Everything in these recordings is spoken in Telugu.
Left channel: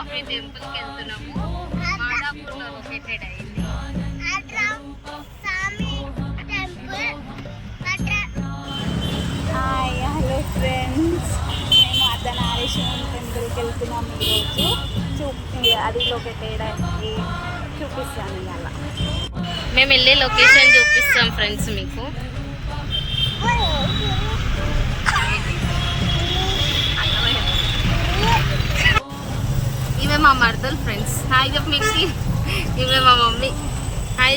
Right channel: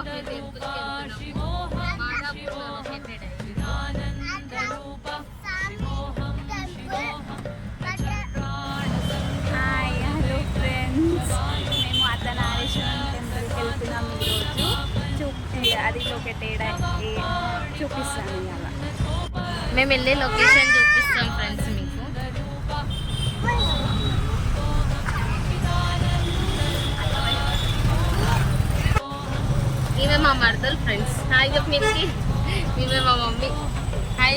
పద్మనాభస్వామి టెంపుల్కి వెళ్తున్నాము. మాదాపూర్లో లొకేటెడ్ అయింది. హాయ్ హలో ఫ్రెండ్స్, మేము అర్ధనారీశ్వరం టెంపుల్కి వెళ్తున్నాము ఈరోజు. అది లొకేటెడ్ అయ్యి చూపిస్తాను ఇవాళ. మేము వెళ్ళే లొకేషన్ చూపిస్తాం ఫ్రెండ్స్ మీకు. ఇవే మా మరదలు ఫ్రెండ్స్. హాయ్ చెప్పు మీకు. ఇవే మా మమ్మీ. హాయ్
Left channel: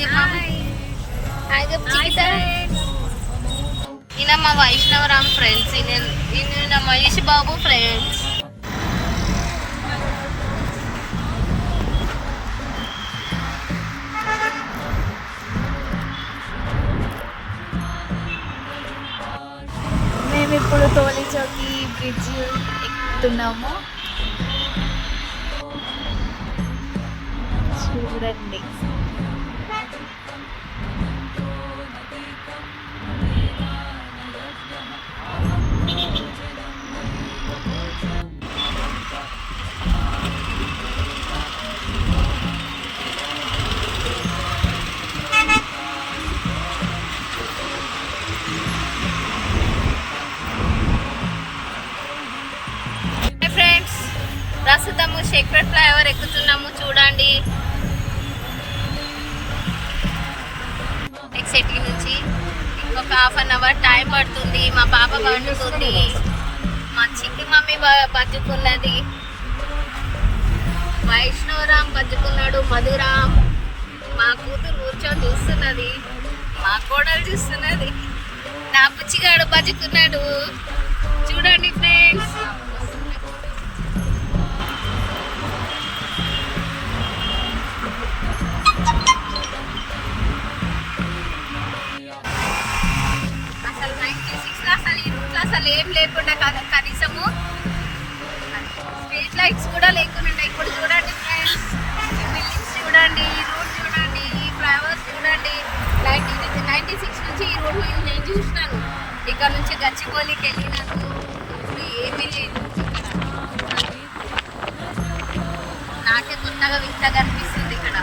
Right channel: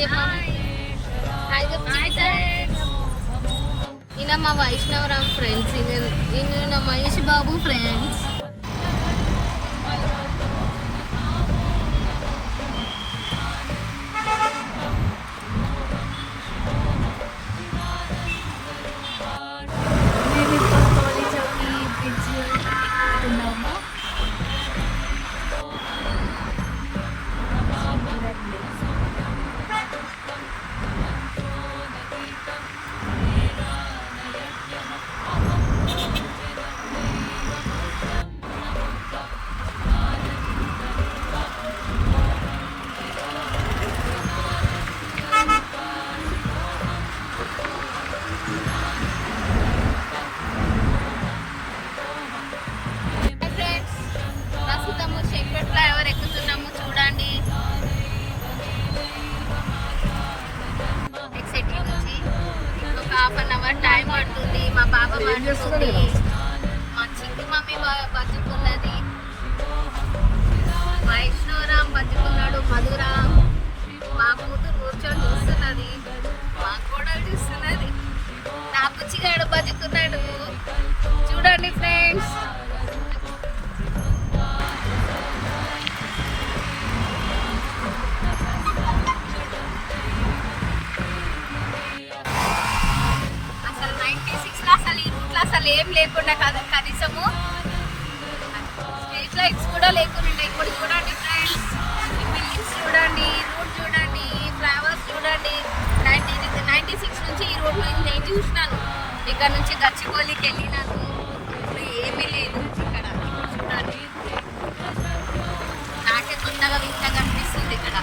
ఈయన మా వైష్ణవరామ్ ఫ్రెండ్స్. ఈయన మహేష్ బాబు ఫ్రెండ్స్. మేము ఇప్పుడు తోలి చౌకి బ్రిడ్జ్ ఎక్కుతున్నాము. చూడండి, ప్రస్తుతము షేక్పేట్ ఫ్లైఓవర్ ఎక్కుతున్నాము. చూడండి, ఎక్సైటీ నుంచి ఇంకొక ½ టైం పడుతుంది. మా పాప పండుతుంది, మా చిట్టి మమ్మీ బతుకున్నది, వైష్ణవరామ్ బతుకున్నాడు, మధురామ్ మా కూతురు కూర్చొని చూస్తున్నది, మా కోడలు చూస్తున్నది, నా బుచ్చిగాడు బతుకున్నాడు. చూడండి ఫ్రెండ్స్. అసలు ఏం లేకుండా కదా, కనీసము స్ట్రీట్ లైట్స్ కూడా లేకుండా. ఇప్పుడు చూడండి ఫ్రెండ్స్, బిల్డింగ్స్ చూడండి, రూట్ చూడండి, ఫ్లైఓవర్స్ చూడండి. 96 నుంచి ఈ రోడ్ నేను చూసినాను. ఇక్కడ నుంచి గచ్చిబౌలికి వెళ్ళినాను. ఇప్పుడు ఏమీ లేదు ఇక్కడ. నాకే కొత్తగా వింతగా అనిపిస్తుంది ఇక్కడ.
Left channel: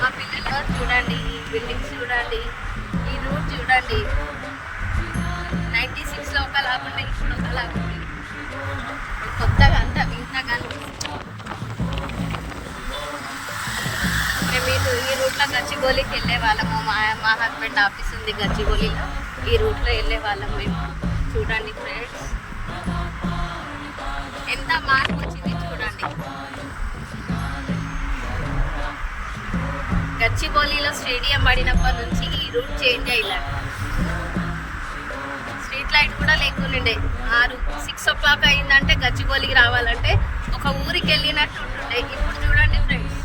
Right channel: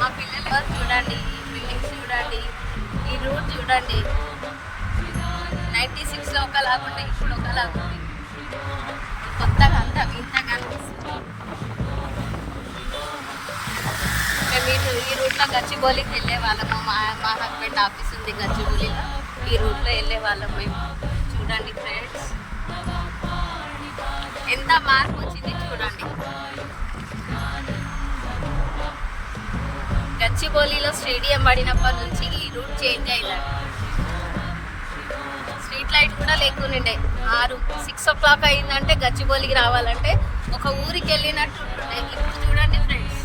మా పిల్లలు చూడండి, ఈ బిల్డింగ్స్ చూడండి, ఈ రూట్ చూడండి. 96లో ఒకలాగుండే, ఇప్పుడు ఒకలాగుంది. కొత్తగా అంతా వింతగా అనిపిస్తుంది. మేము ఈ రూట్లో గచ్చిబౌలికి వెళ్ళే వాళ్ళము. మా హస్బెండ్ ఆఫీస్ ఉంది గచ్చిబౌలిలో. ఈ రూట్లో వెళ్ళే వాళ్ళము మేము. చూడండి ఫ్రెండ్స్, ఎంత మార్పు వచ్చింది చూడండి. గచ్చిబౌలిలో స్టేడియం పడినప్పటి నుంచి ఈ రూట్ చేంజ్ అయ్యాడు. స్ట్రీట్ లైట్ కూడా లేకుండే. 6 o'clock అయిందంటే గచ్చిబౌలికి రావాలంటే ఒక ఊరికి వెళ్ళినట్టు ఉంటుండే. ఇప్పుడు చూడండి ఫ్రెండ్స్,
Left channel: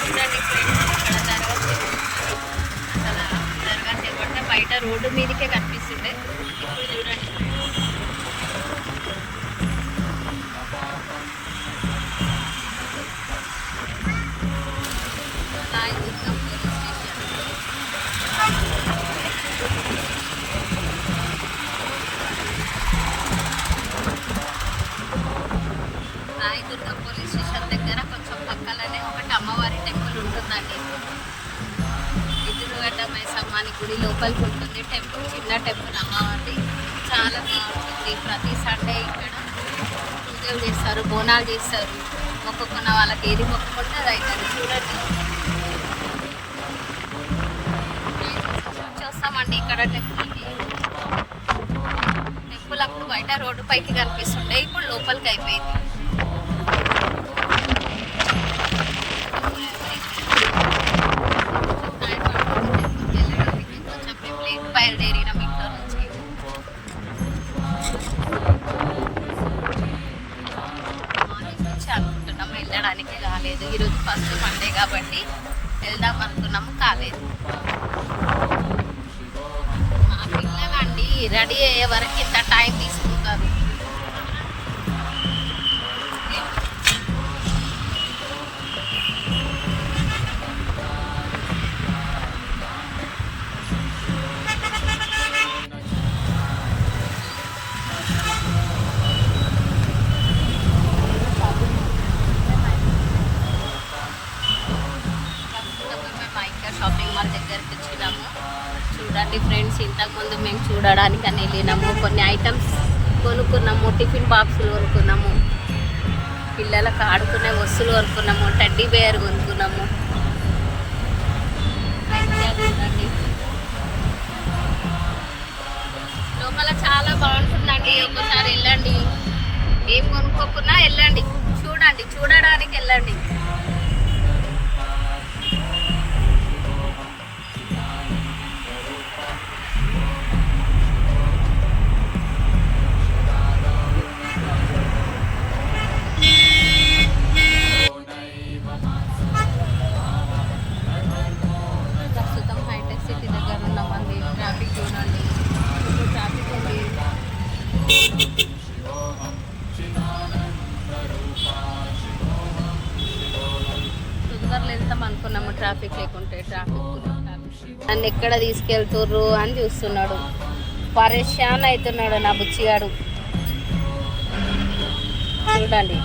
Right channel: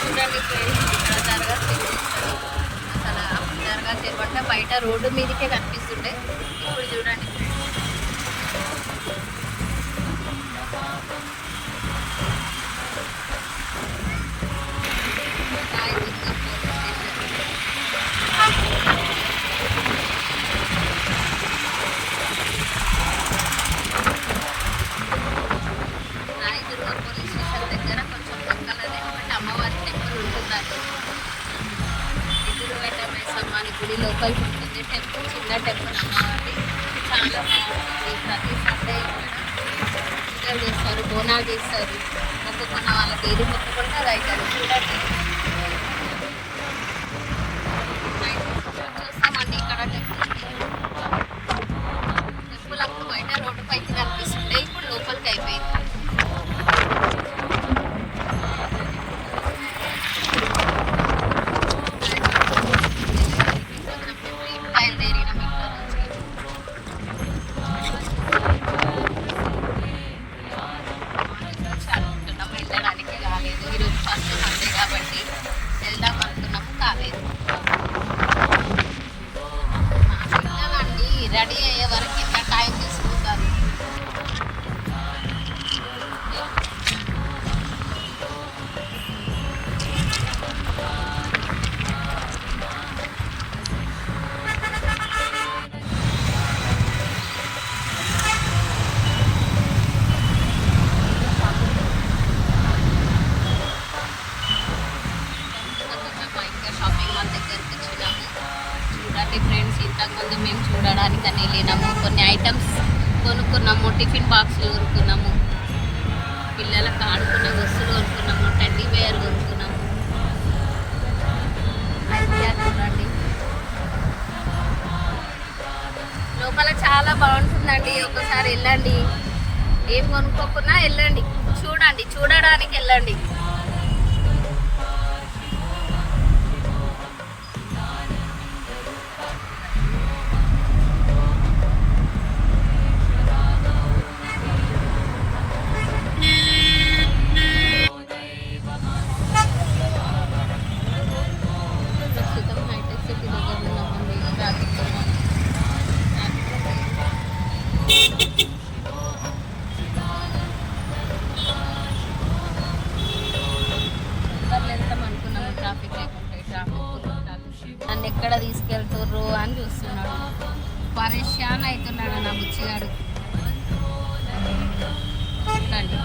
చూడండి ఫ్రెండ్స్, ఇక్కడ దర్గా అసలు దర్గా చేపట్టే బయట రోడ్డు మీదకే కనిపిస్తుండే. ఇప్పుడు చూడండి, రాయదుర్గం పోలీస్ స్టేషన్ దగ్గర కొంచెం పక్కలనే ఒకటి అమ్మవారి టెంపుల్ ఉంటుందండి. ఎదురుగడ్డ మైసమ్మ అని గుడి లోపలికి ఉంటుంది టెంపుల్. చిన్న టెంపుల్ అమ్మవారి, చాలా బాగుంటుంది. ప్రతి సండే ఇక్కడ పూజలు చేస్తారు, బోనాలు చేస్తారు. మొక్కుకున్న వాళ్ళకి ఏది మొక్కుకుంటే అది అవుతుంది. చూడండి, చూస్తామండి ఇక్కడ టెంపుల్కి. టెంపుల్ అప్పుడు బయట రోడ్డు పైకి కనిపిస్తుండే, ఇప్పుడు లోపలికి అయిపోయింది. బయలుదేరినాం ఇంట్లో నుంచి. అనుకుంటున్నాము వెళ్ళడానికి, కాలేదు. ఈరోజు ఫస్ట్ మండే కాబట్టి వెళ్దాం అనుకున్నాము, కాలేదు. మా పిల్లలండి రెడీ అయ్యే వరకు ఇంత టైం తీసుకుంటారు. తీసుకోవడానికి అని వెళ్ళినాము. కొన్ని ఐటమ్స్ కొనుక్కున్నాము, టిఫిన్ బాక్సులు కొనుక్కున్నాము, పిల్లలకు ఆడుకునే వస్తువులు కొనుక్కున్నాము, టెడ్డీ బేర్ కొనుక్కున్నాము. అయితే చూడండి లోపల చాలా బాగుంటుందండి. ఒకసారి వెళ్ళండి, ఏం కొనుక్కోకున్నా వెళ్ళండి, చూడండి, చూడడానికి వెళ్ళండి. ప్రస్తుతం హైటెక్ సిటీ దగ్గర ఉన్నామండి. ట్రాఫిక్ చూడండి, ట్రాఫిక్ ఉంది. తొందరలో వెళ్తాం అనుకున్నాము, ట్రాఫిక్ లేకుంటే. ట్రాఫిక్ నన్ను ఎక్కడ తీసుకెళ్తుర్రు అని చూస్తున్నాడు. పరేషాన్ అవుతున్నాడు నా బుచ్చిగాడు. చూడండి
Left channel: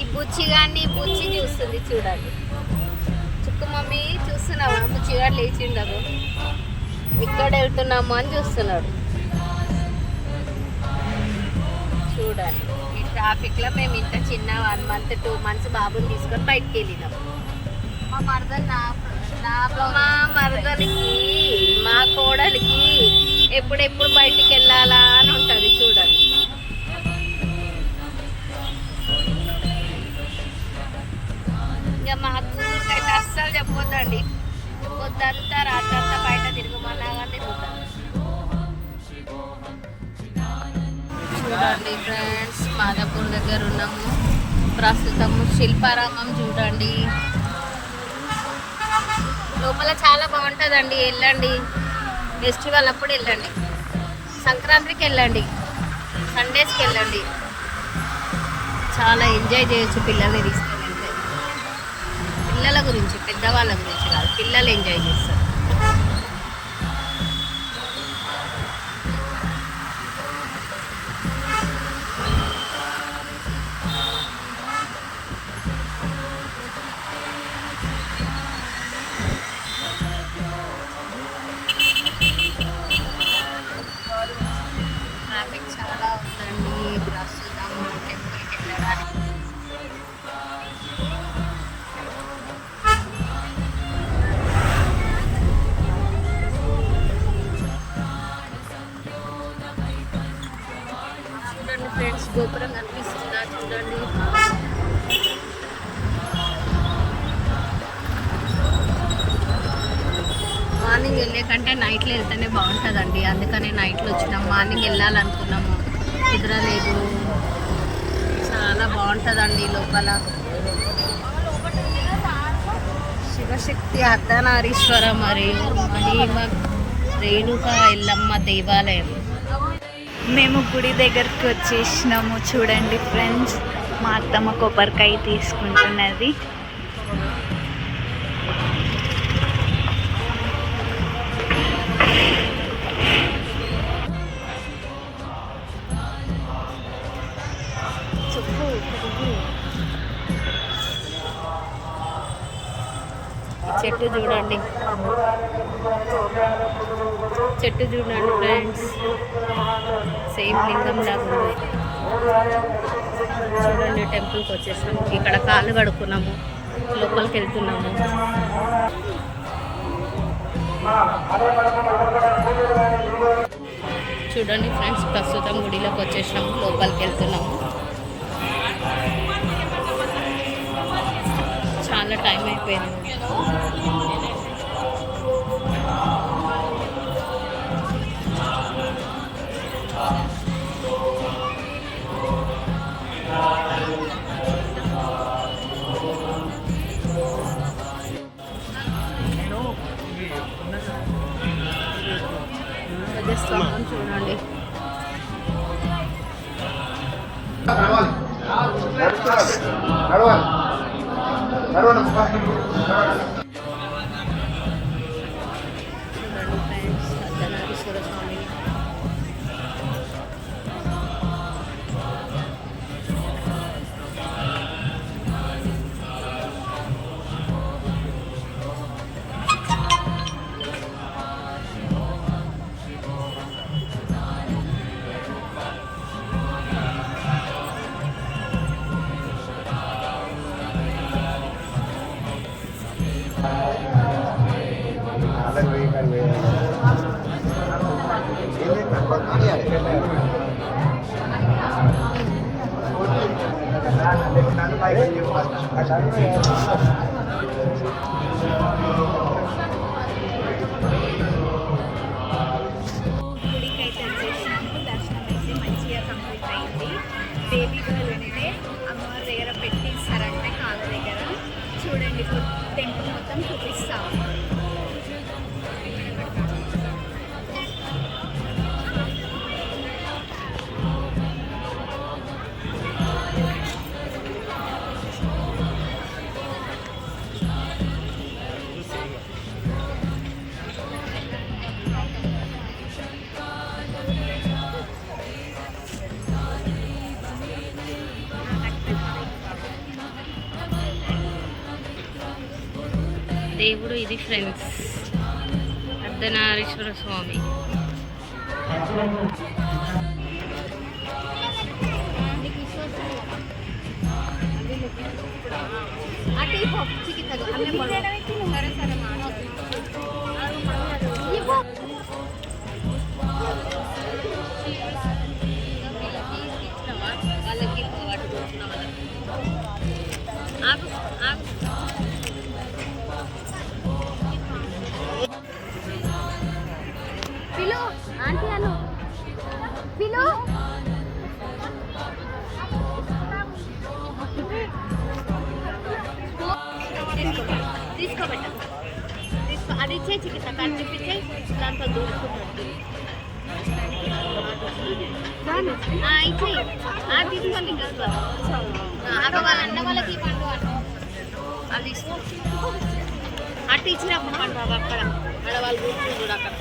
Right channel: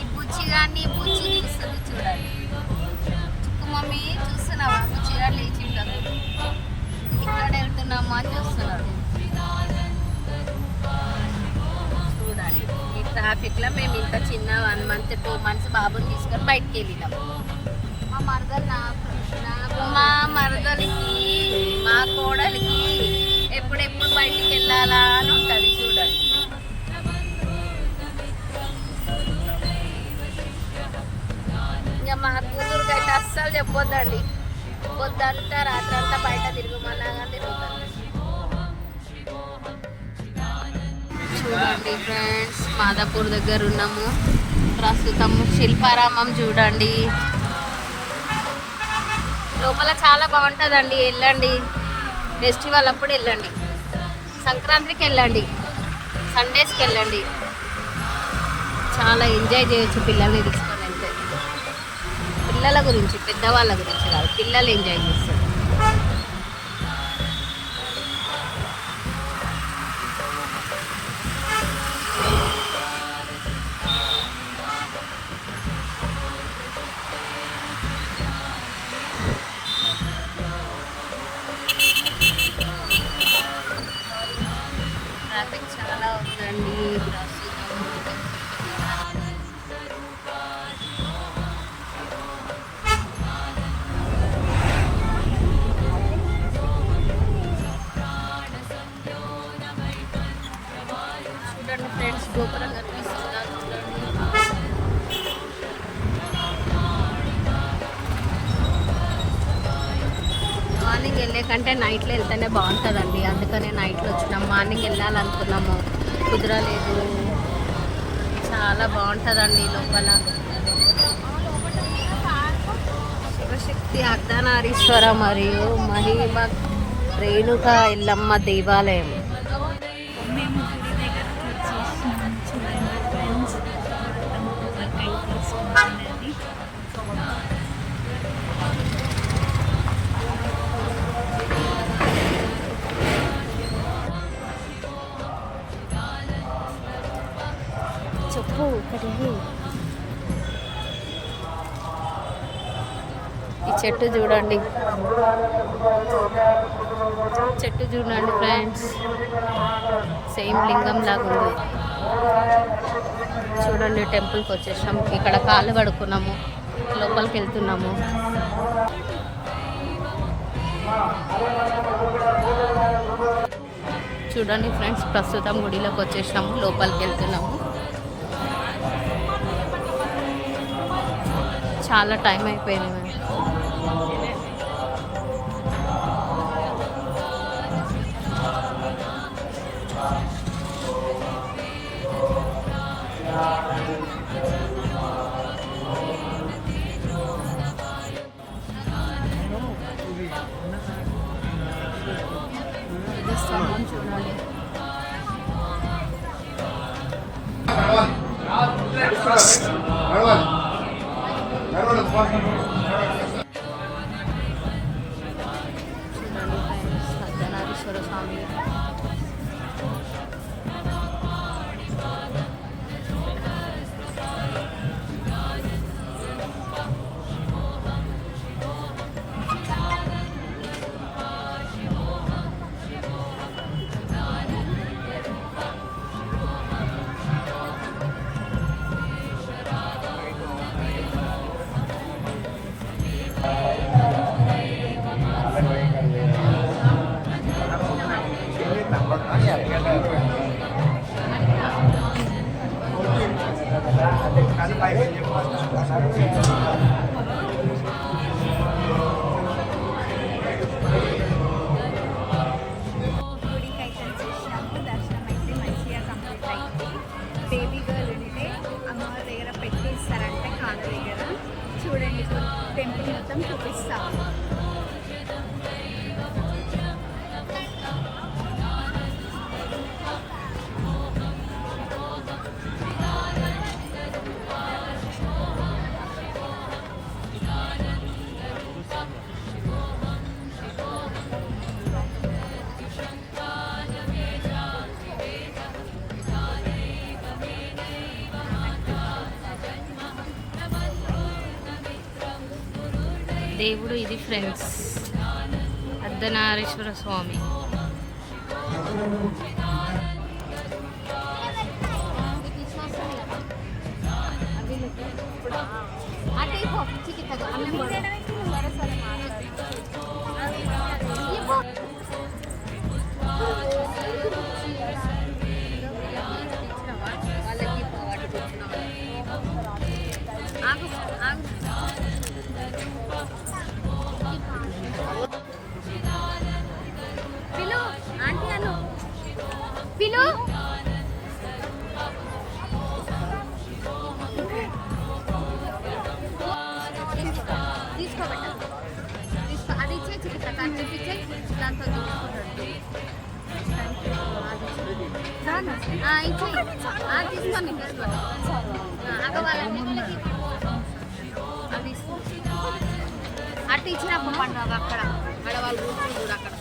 ఈ బుచ్చిగాడిని బుచ్చి చూస్తుంది చూడండి. చుక్కు మమ్మీ చూస్తున్నావా, బుచ్చిగాడు లేచిండదు, ఇక్కడ వెళ్తున్నాము అని చూస్తున్నాడు. చూడండి ఈ ట్రాఫిక్లో మేము ఇంత చిన్న 1 month 2 months బాబుని తీసుకొని బయటికి వెళ్ళినాం. మా మరదలికి మా కోడలికి ఎప్పుడెప్పుడు బయటికి వెళ్ళాలా అని ఉంటుంది. చూడండి ఇంకా మా కూతురుకైతే అస్సలు చెప్పొద్దండి, పొద్దంతా రాత్రి అంతా బయట తిరుగుమలాగా తిరుగుతాం. చూడండి ఫ్రెండ్స్, మాదాపూర్ దగ్గర ఉన్నాము ప్రస్తుతం. శిల్పారామం చూడండి, లోపల చాలా బాగుంటుందండి. వెళ్ళండి, ఫెస్టివల్ అప్పుడు వెళ్ళండి, సంక్రాంతికి వెళ్ళండి, సండేస్కి వెళ్ళండి. చాలా ఎంజాయ్ చేయొచ్చు పిల్లల్ని తీసుకొని వెళ్తే. పిల్లల గురించి, పెద్దవాళ్ళ గురించి కాదు, పిల్లలు ఎంజాయ్ చేస్తారు. ట్రాఫిక్ చాలా ఉందండి ప్రస్తుతం టెంపుల్కి వెళ్ళడానికి. చూడండి ఫ్రెండ్స్, గోపురం కనిపిస్తుందా చూడండి. మార్నింగ్ వెళ్ళే కంటే నైట్లో వెళ్తేనే బాగుంటుందండి. అందుకనే నైట్లో వచ్చినాం. మార్నింగ్ వెళ్ళాలనుకున్నాము, కుదరలేదు. చాలా బాగుంటుందండి లోపల. శివశక్తి అర్ధనారీశ్వర మరియు మహిమ రేణుక ఎల్లమ్మ దేవాలయం. మేము గుడి దగ్గరికి వచ్చేసినాము. చూడండి ఫ్రెండ్స్, మా అత్తమ్మ కొబ్బరికాయ తీసుకుంటున్నది. ఈ చెట్టు చూడండి, చెట్టు చూడండి ఫ్రెండ్స్, సేమ్ లింగం లాగా ఉంది. చూడండి టెంపుల్కి వచ్చేసాం. ఇక్కడ కాళ్ళు కడుక్కున్నాము, లోపలికి వెళ్తున్నాము. చూడండి ఫ్రెండ్స్, ప్రస్తుతం గుడిలోకి వచ్చేసాము, లోపలికి వెళ్తున్నాము. చాలా టైం అయిపోయింది. స్తంభం చూడండి. చూడండి ఫ్రెండ్స్, అర్ధనారీశ్వర స్వామి. గుడికి అయితే వచ్చేసినాము. దర్శనం అయితే మంచిగా కంప్లీట్ అయింది. బేబీ కూడా వింటే అమ్మవారి దగ్గర పెట్టేస్తారంటే కాళ్ళ దగ్గర. చూడండి టెంపుల్ మొత్తం చూపిస్తాము. దేవుడు ఇది ఫ్రెండ్స్, అర్ధనారీశ్వర స్వామి. అది ఇచ్చే చికిత్స చూపించే దాంతో దూసుకున్నాడు. ఇచ్చే తీసుకోండి, తీసుకో. అక్కడ వాళ్ళ అన్న వాళ్ళకి అది అటు ఇచ్చినప్పుడు పండుగ అక్కడ అక్కడ వాళ్ళు కూర్చుంటాడు అక్కడ.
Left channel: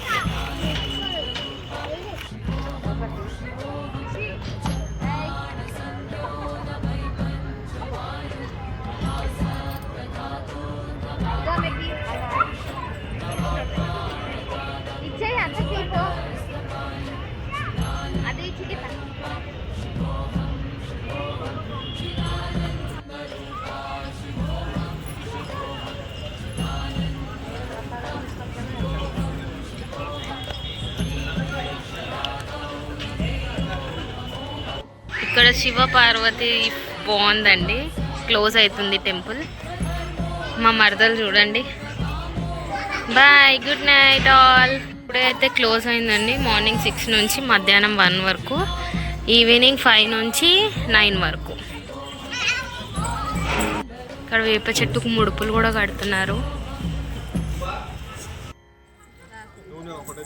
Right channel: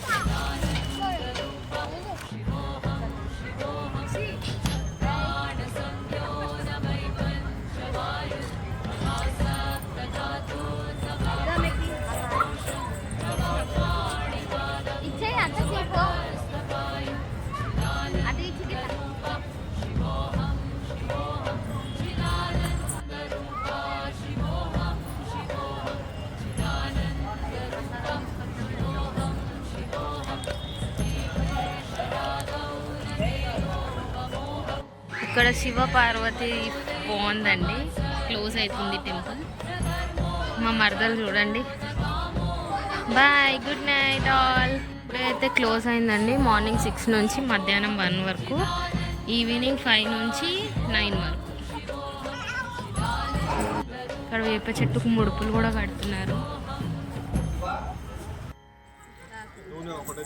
ఇక్కడ శివ పార్వతి బాగుందండి. క్లోజ్ అవుతుంది టెంపుల్. మా మరదలు చూడండి. Bye, good night all. ఇప్పుడైతే క్లోజ్ అయిందండి. మార్నింగ్ 6 నుంచి మధ్యాహ్నం 1 వరకు, ఈవినింగ్ 5 నుంచి 9 వరకు. ఇక్కడ వేప చెట్టుకు ముడుపులు కూడా కడుతున్నారు. ఒకటే